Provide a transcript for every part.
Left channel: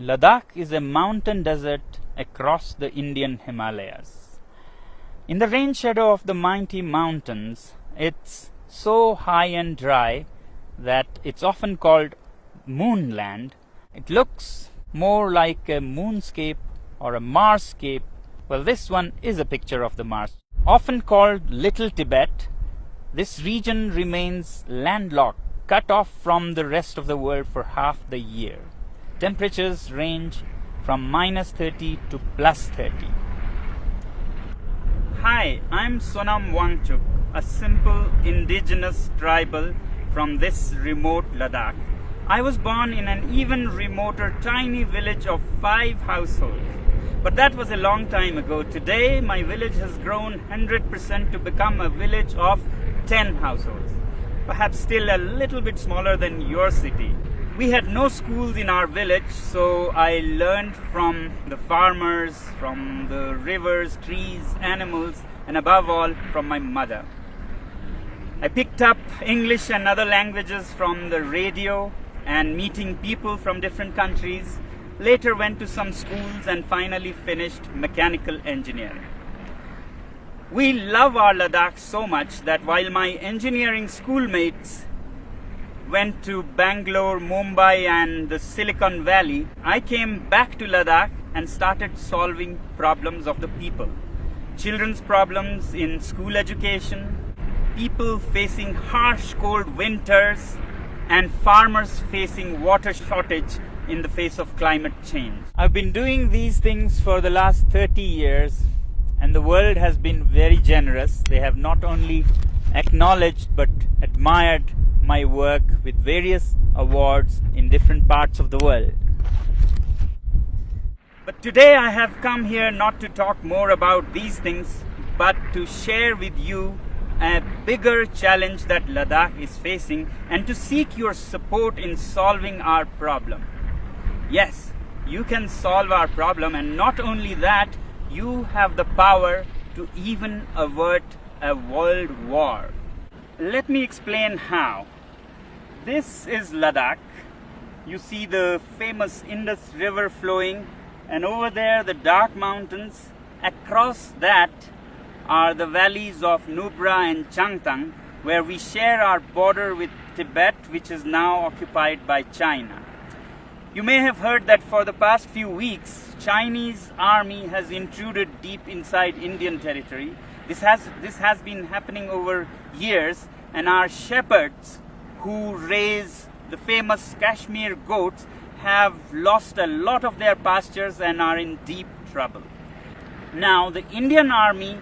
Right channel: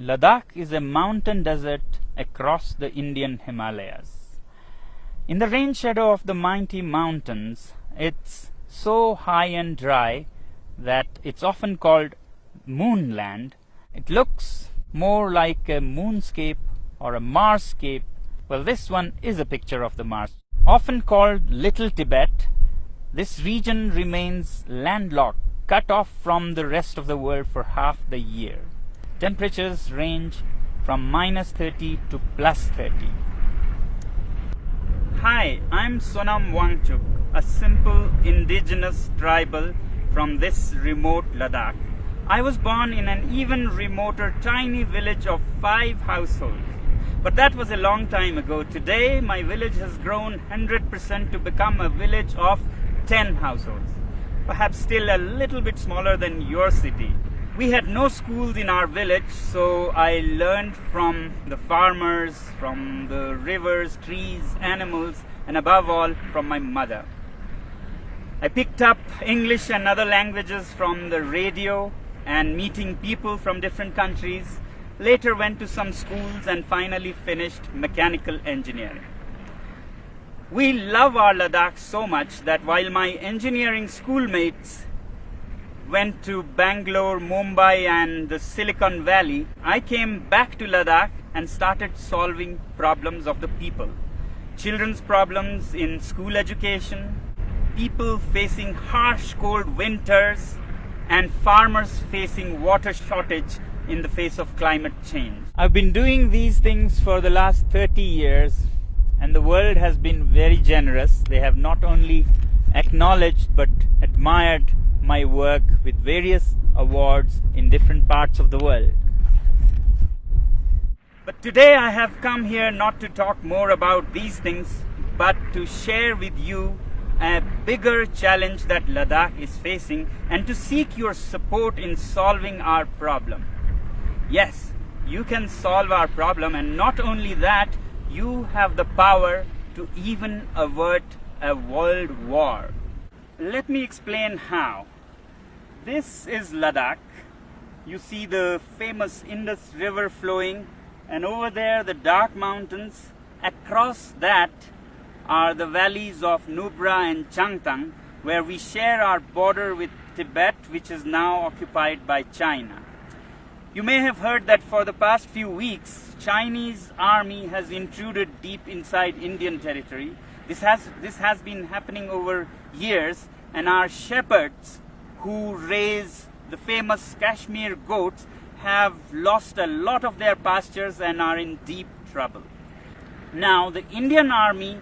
Ladakh is a mountain desert across the Indian Himalayas. In the rain shadow of the mighty mountains, it's so high and dry that it's often called moonland. It looks more like a moonscape or a Marsscape. Well, this one is a picture of the Mars. Often called Little Tibet, this region remains landlocked, cut off from the rest of the world for half the year. Temperatures range from -30 to +30. Hi, I'm Sonam Wangchuk, a simple indigenous tribal from this remote Ladakh. I was born in an even remoter tiny village of 5 households. But that was a long time ago. Today, my village has grown 100% to become a village of 10 households. Perhaps still a little bit smaller than your city. We had no schools in our village, so I learned from the farmers, from the rivers, trees, animals, and above all, from my mother. I picked up English and other languages from the radio and meeting people from different countries. Later went to some schools and finally finished mechanical engineering. We love our Ladakh so much that while my engineering schoolmates went to Bangalore, Mumbai and the Silicon Valley, I came back to Ladakh and started solving problems of the people. Children's problems in school education, people facing harsh cold winters, and farmers facing water shortage in the face of climate change. I've been doing these things for the last 30 years and the world has been very generous. They have not only acknowledged but admired my work with various awards in different parts of the world. But today I have come here not to talk more about these things but to share with you a bigger challenge that Ladakh is facing and to seek your support in solving our problem. Yes, you can solve our problem, and not only that, you have the power to even avert a world war. Let me explain how. This is Ladakh. You see the famous Indus River flowing, and over there the dark mountains. Across that are the valleys of Nubra and Changtang, where we share our border with Tibet, which is now occupied by China. You may have heard that for the past few weeks, Chinese army has intruded deep inside Indian territory. This has been happening over years, and our shepherds who raise the famous Kashmir goats have lost a lot of their pastures and are in deep trouble. Now, the Indian army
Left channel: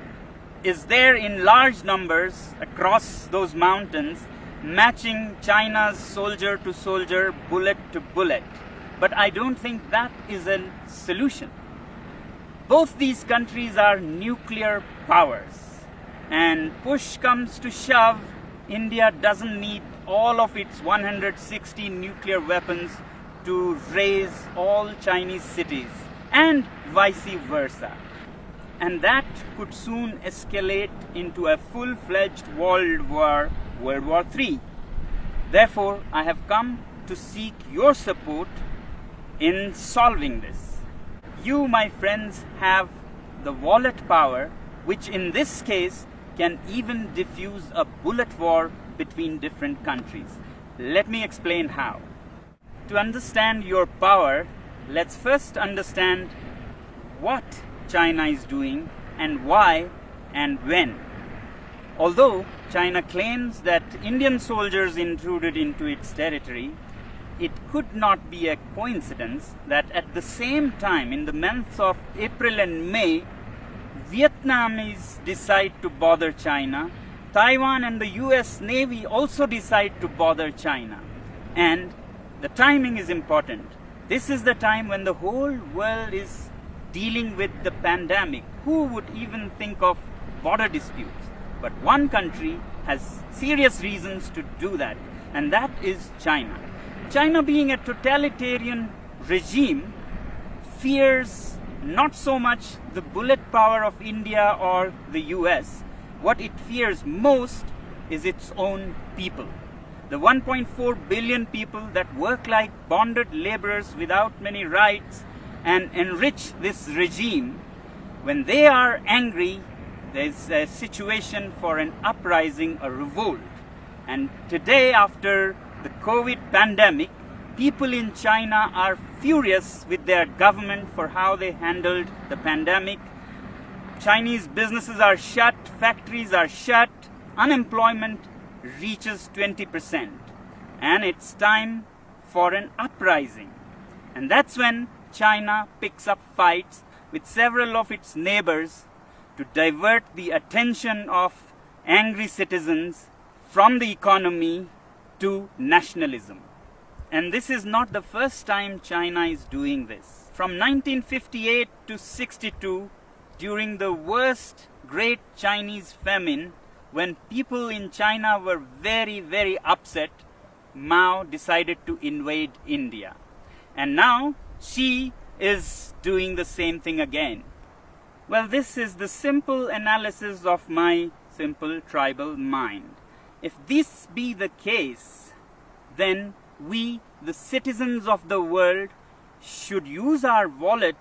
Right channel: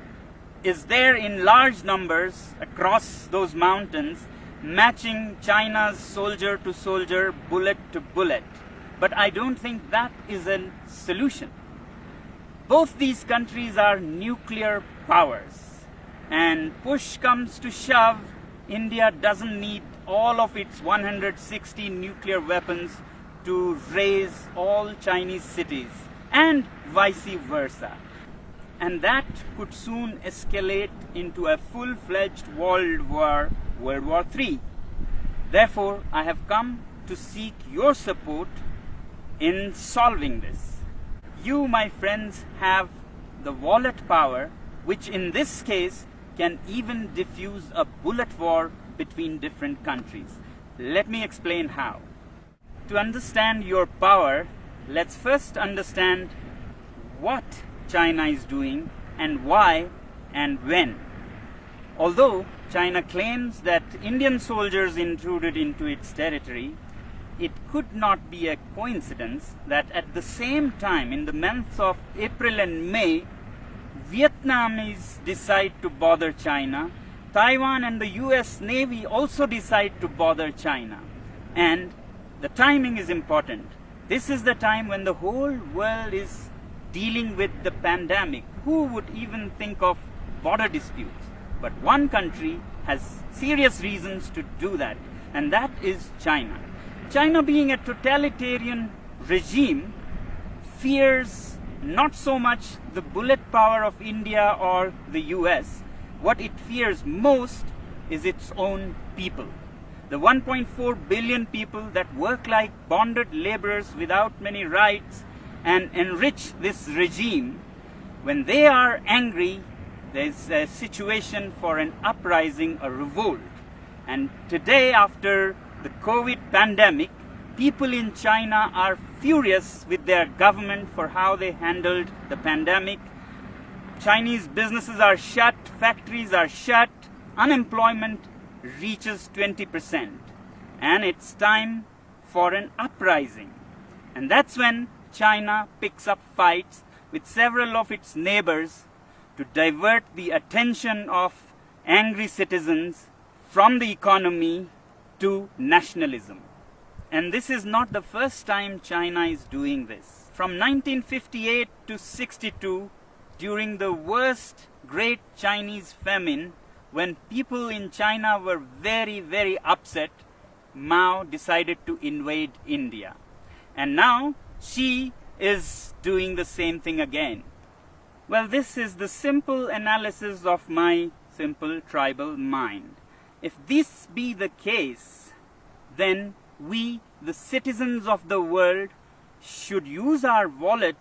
is there in large numbers across those mountains, matching China's soldier to soldier, bullet to bullet. But I don't think that is a solution. Both these countries are nuclear powers, and push comes to shove, India doesn't need all of its 160 nuclear weapons to raise all Chinese cities, and vice versa. And that could soon escalate into a full-fledged world war, World War III. Therefore, I have come to seek your support in solving this. You, my friends, have the wallet power, which in this case can even diffuse a bullet war between different countries. Let me explain how. To understand your power, let's first understand what China is doing and why and when. Although China claims that Indian soldiers intruded into its territory, it could not be a coincidence that at the same time, in the months of April and May, Vietnamese decide to bother China. Taiwan and the US Navy also decide to bother China. And the timing is important. This is the time when the whole world is dealing with the pandemic. Who would even think of border disputes? But one country has serious reasons to do that, and that is China. China, being a totalitarian regime, fears not so much the bullet power of India or the US. What it fears most is its own people. the 1.4 billion people that work like bonded laborers without many rights and enrich this regime, when they are angry, there's a situation for an uprising, a revolt. And today, after the COVID pandemic, people in China are furious with their government for how they handled the pandemic. Chinese businesses are shut, factories are shut, unemployment reaches 20%. And it's time for an uprising. And that's when China picks up fights with several of its neighbors to divert the attention of angry citizens from the economy to nationalism. And this is not the first time China is doing this. From 1958 to 62, during the worst Great Chinese Famine, when people in China were very, very upset, Mao decided to invade India. And now Xi is doing the same thing again. Well, this is the simple analysis of my simple tribal mind. If this be the case, then we, the citizens of the world, should use our wallet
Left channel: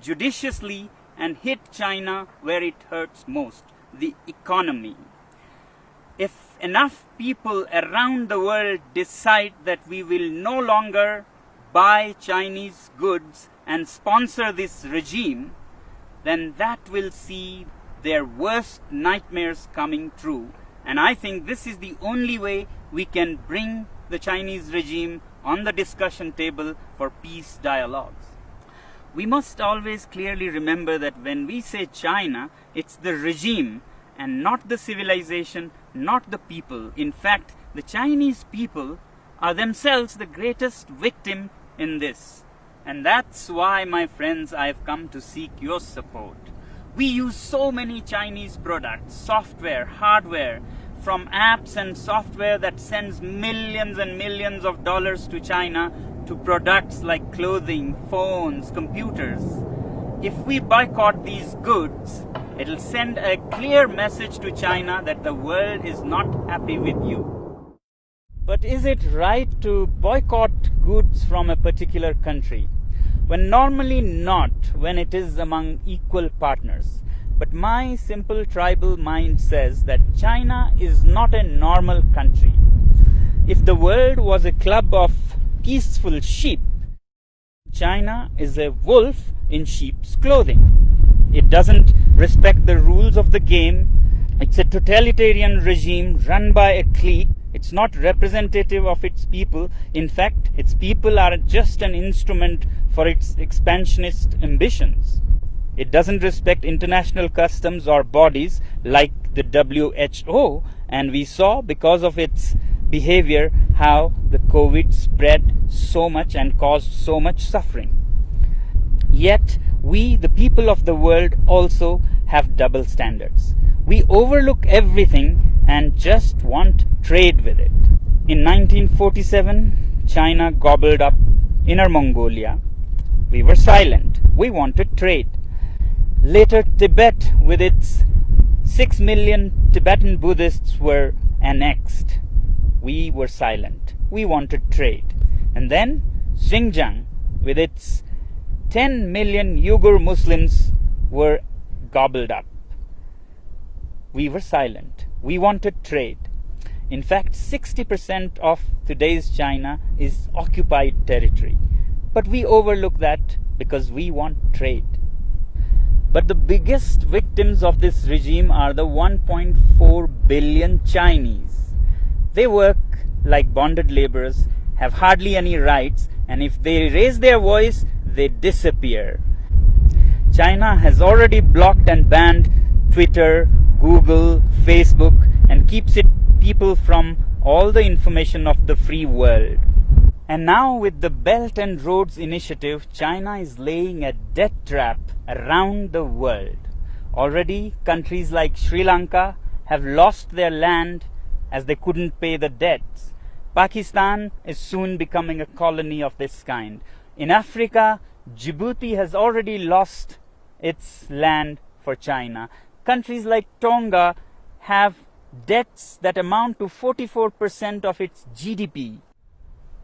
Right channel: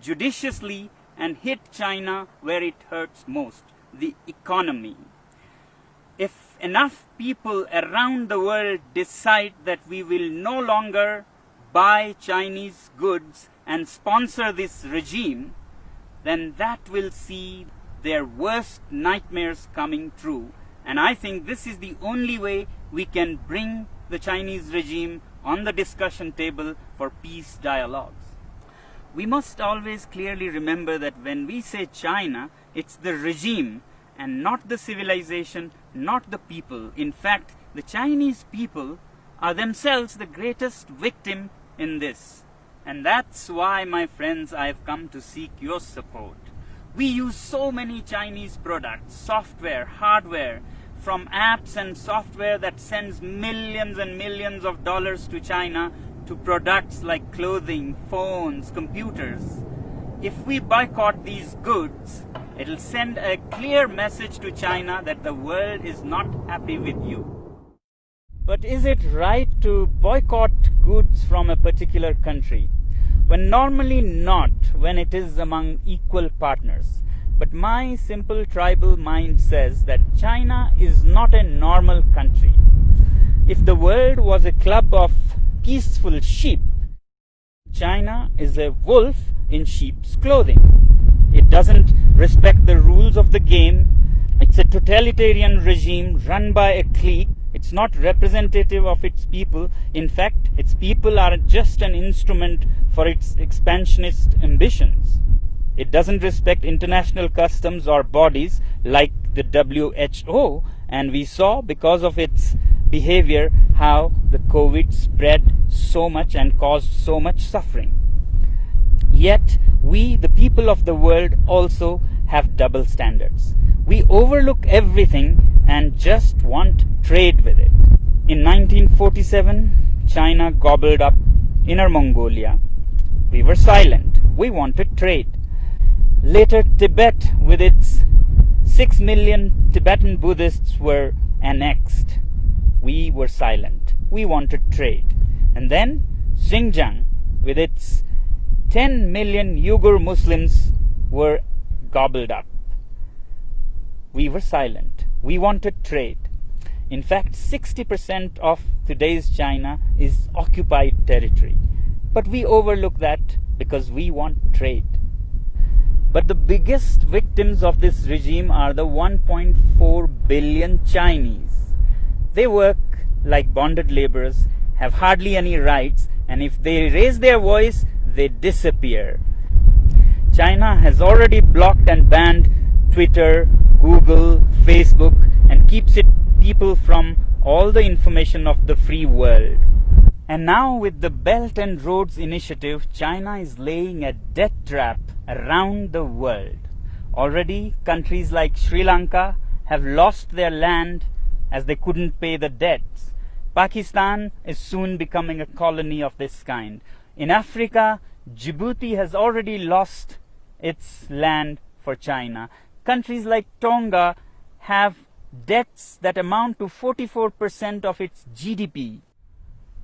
judiciously and hit China where it hurts most, the economy. If enough people around the world decide that we will no longer buy Chinese goods and sponsor this regime, then that will see their worst nightmares coming true. And I think this is the only way we can bring the Chinese regime on the discussion table for peace dialogues. We must always clearly remember that when we say China, it's the regime and not the civilization, not the people. In fact, the Chinese people are themselves the greatest victim in this. And that's why, my friends, I've come to seek your support. We use so many Chinese products, software, hardware, from apps and software that sends millions and millions of dollars to China to products like clothing, phones, computers. If we boycott these goods, it'll send a clear message to China that the world is not happy with you. But is it right to boycott goods from a particular country? When normally not, when it is among equal partners. But my simple tribal mind says that China is not a normal country. If the world was a club of peaceful sheep, China is a wolf in sheep's clothing. It doesn't respect the rules of the game. It's a totalitarian regime run by a clique. It's not representative of its people. In fact, its people are just an instrument for its expansionist ambitions. It doesn't respect international customs or bodies like the WHO, and we saw because of its behavior how the COVID spread so much and caused so much suffering. Yet, we, the people of the world, also have double standards. We overlook everything and just want trade with it. In 1947, China gobbled up Inner Mongolia. We were silent. We wanted trade. Later, Tibet, with its 6 million Tibetan Buddhists, were annexed. We were silent. We wanted trade. And then Xinjiang, with its 10 million Uyghur Muslims, were gobbled up. We were silent. We wanted trade. In fact, 60% of today's China is occupied territory. But we overlook that because we want trade. But the biggest victims of this regime are the 1.4 billion Chinese. They work like bonded laborers, have hardly any rights, and if they raise their voice, they disappear. China has already blocked and banned Twitter, Google, Facebook, and keeps its people from all the information of the free world. And now with the Belt and Roads Initiative, China is laying a debt trap around the world. Already, countries like Sri Lanka have lost their land as they couldn't pay the debts. Pakistan is soon becoming a colony of this kind. In Africa, Djibouti has already lost its land for China. Countries like Tonga have debts that amount to 44% of its GDP.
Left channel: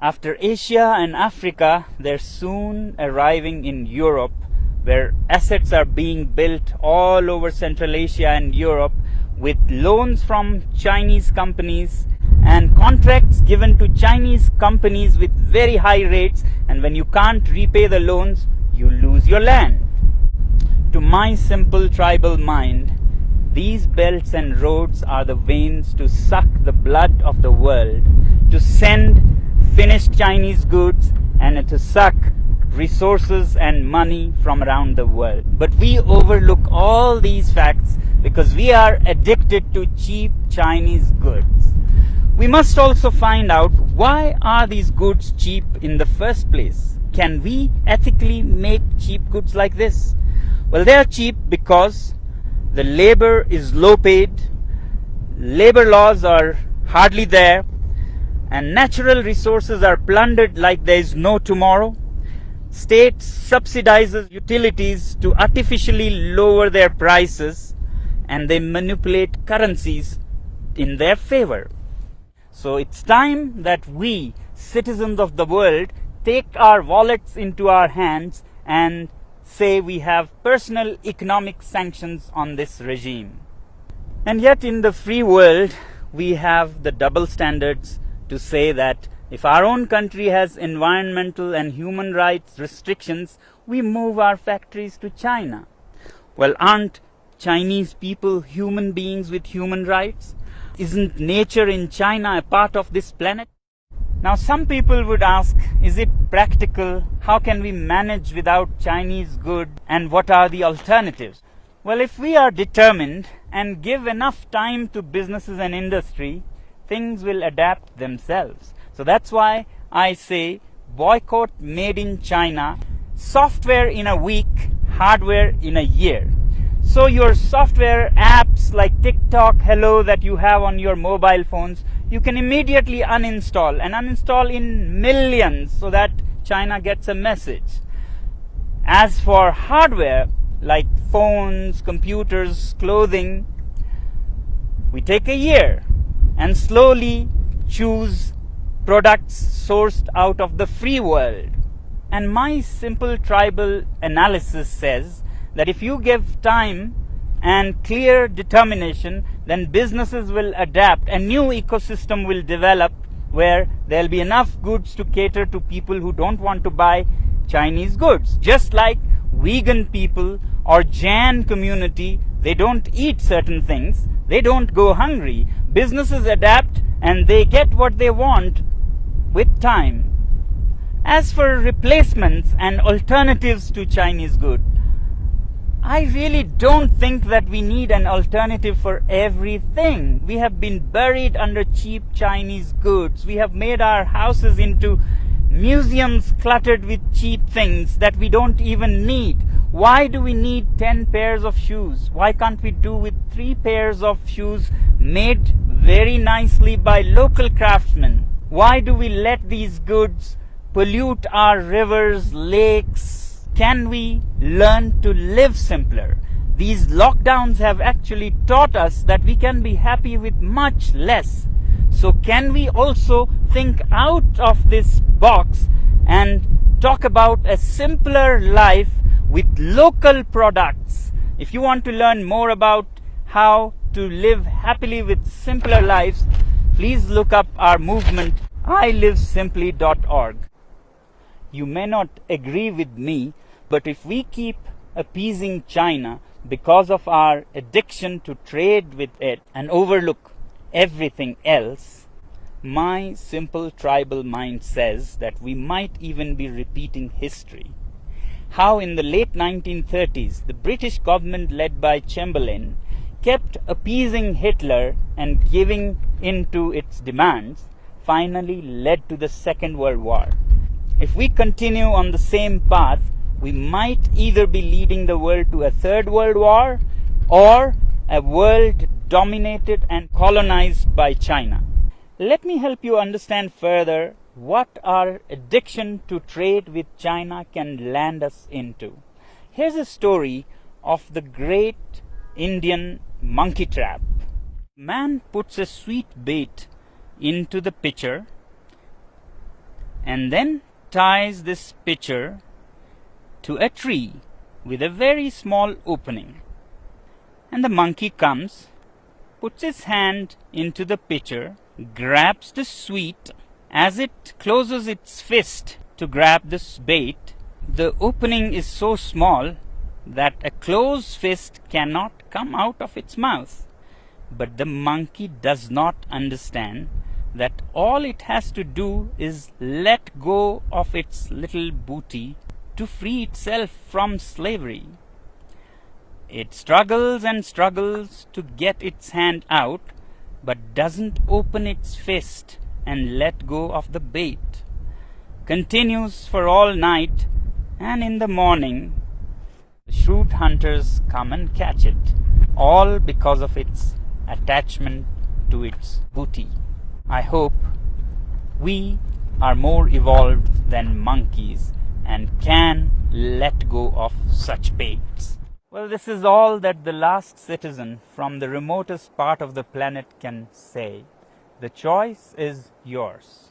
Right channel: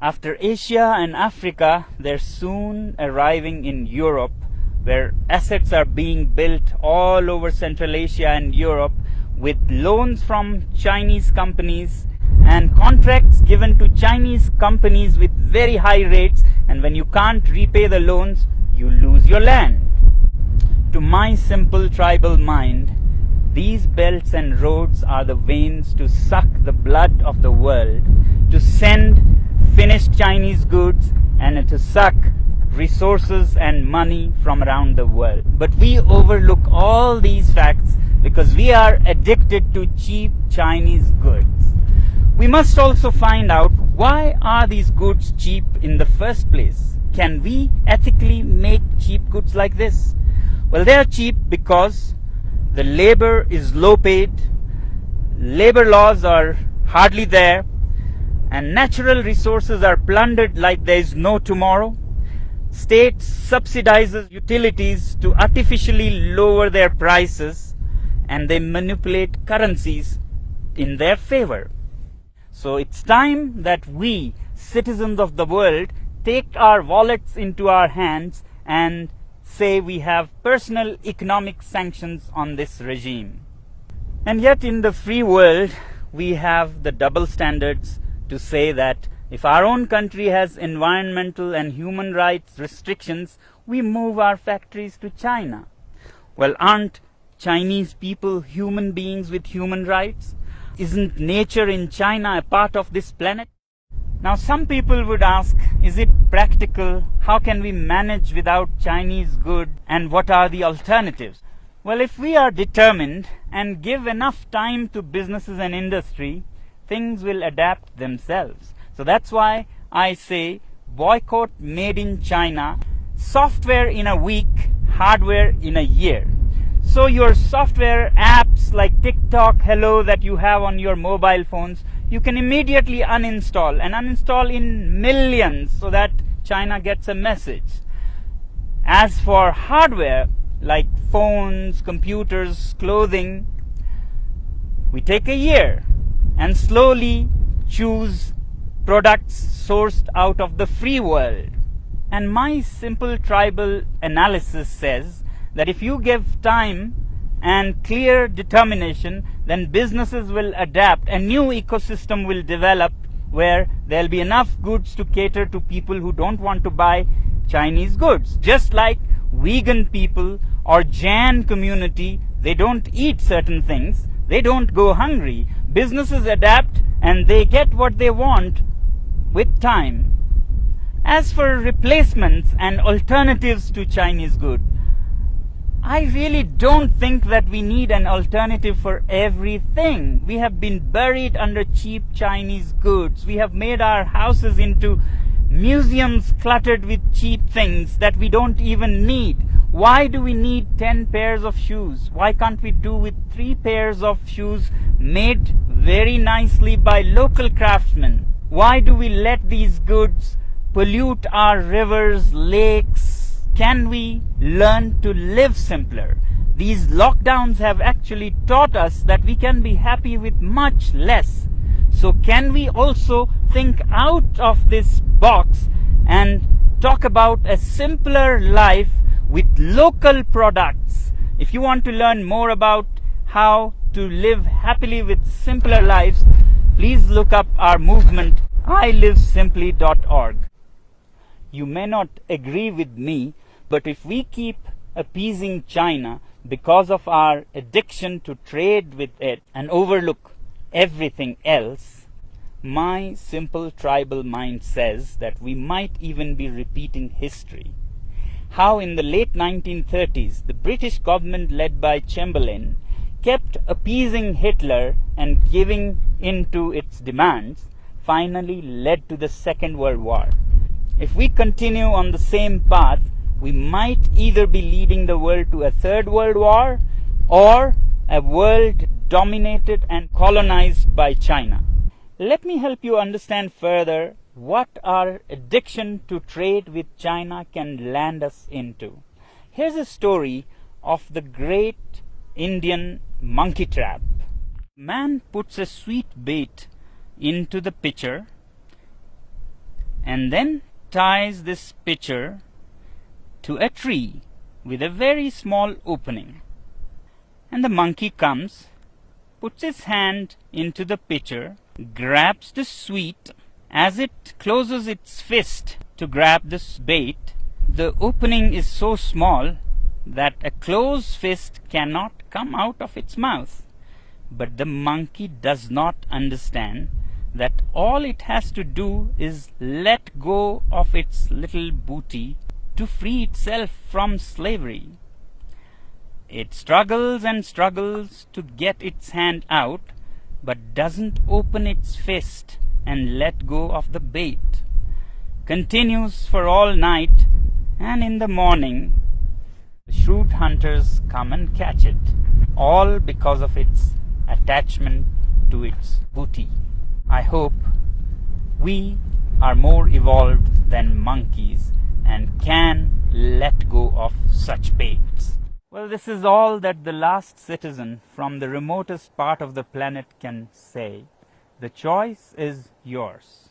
After Asia and Africa, they're soon arriving in Europe, where assets are being built all over Central Asia and Europe with loans from Chinese companies and contracts given to Chinese companies with very high rates, and when you can't repay the loans, you lose your land. To my simple tribal mind, these belts and roads are the veins to suck the blood of the world, to send finished Chinese goods and to suck resources and money from around the world. But we overlook all these facts because we are addicted to cheap Chinese goods. We must also find out, why are these goods cheap in the first place? Can we ethically make cheap goods like this? Well, they are cheap because the labor is low paid, labor laws are hardly there, and natural resources are plundered like there is no tomorrow. States subsidizes utilities to artificially lower their prices, and they manipulate currencies in their favor. So it's time that we, citizens of the world, take our wallets into our hands and say we have personal economic sanctions on this regime. And yet in the free world, we have the double standards to say that if our own country has environmental and human rights restrictions, we move our factories to China. Well, aren't Chinese people human beings with human rights? Isn't nature in China a part of this planet? Now, some people would ask, is it practical? How can we manage without Chinese goods? And what are the alternatives? Well, if we are determined and give enough time to businesses and industry, things will adapt themselves. So that's why I say boycott made in China, software in a week, hardware in a year. So your software apps like TikTok, Hello that you have on your mobile phones, you can immediately uninstall and uninstall in millions so that China gets a message. As for hardware like phones, computers, clothing, we take a year and slowly choose products sourced out of the free world. And my simple tribal analysis says that if you give time and clear determination, then businesses will adapt. A new ecosystem will develop where there'll be enough goods to cater to people who don't want to buy Chinese goods. Just like vegan people or Jain community, they don't eat certain things, they don't go hungry. Businesses adapt and they get what they want with time. As for replacements and alternatives to Chinese goods, I really don't think that we need an alternative for everything. We have been buried under cheap Chinese goods. We have made our houses into museums cluttered with cheap things that we don't even need. Why do we need 10 pairs of shoes? Why can't we do with 3 pairs of shoes made very nicely by local craftsmen? Why do we let these goods pollute our rivers, lakes? Can we learn to live simpler? These lockdowns have actually taught us that we can be happy with much less. So can we also think out of this box and talk about a simpler life with local products? If you want to learn more about how to live happily with simpler lives, please look up our movement, ilivesimply.org. You may not agree with me, but if we keep appeasing China because of our addiction to trade with it and overlook everything else, my simple tribal mind says that we might even be repeating history. How in the late 1930s, the British government led by Chamberlain kept appeasing Hitler and giving in to its demands, finally led to the Second World War. If we continue on the same path, we might either be leading the world to a third world war or a world dominated and colonized by China. Let me help you understand further what our addiction to trade with China can land us into. Here's a story of the great Indian monkey trap. Man puts a sweet bait into the pitcher and then ties this pitcher to a tree with a very small opening. And the monkey comes, puts his hand into the pitcher, grabs the sweet. As it closes its fist to grab this bait, the opening is so small that a closed fist cannot come out of its mouth. But the monkey does not understand that all it has to do is let go of its little booty to free itself from slavery. It struggles and struggles to get its hand out, but doesn't open its fist and let go of the bait. Continues for all night, and in the morning the shrewd hunters come and catch it, all because of its attachment to its booty. I hope we are more evolved than monkeys and can let go of such baits. Well, this is all that the last citizen from the remotest part of the planet can say. The choice is yours.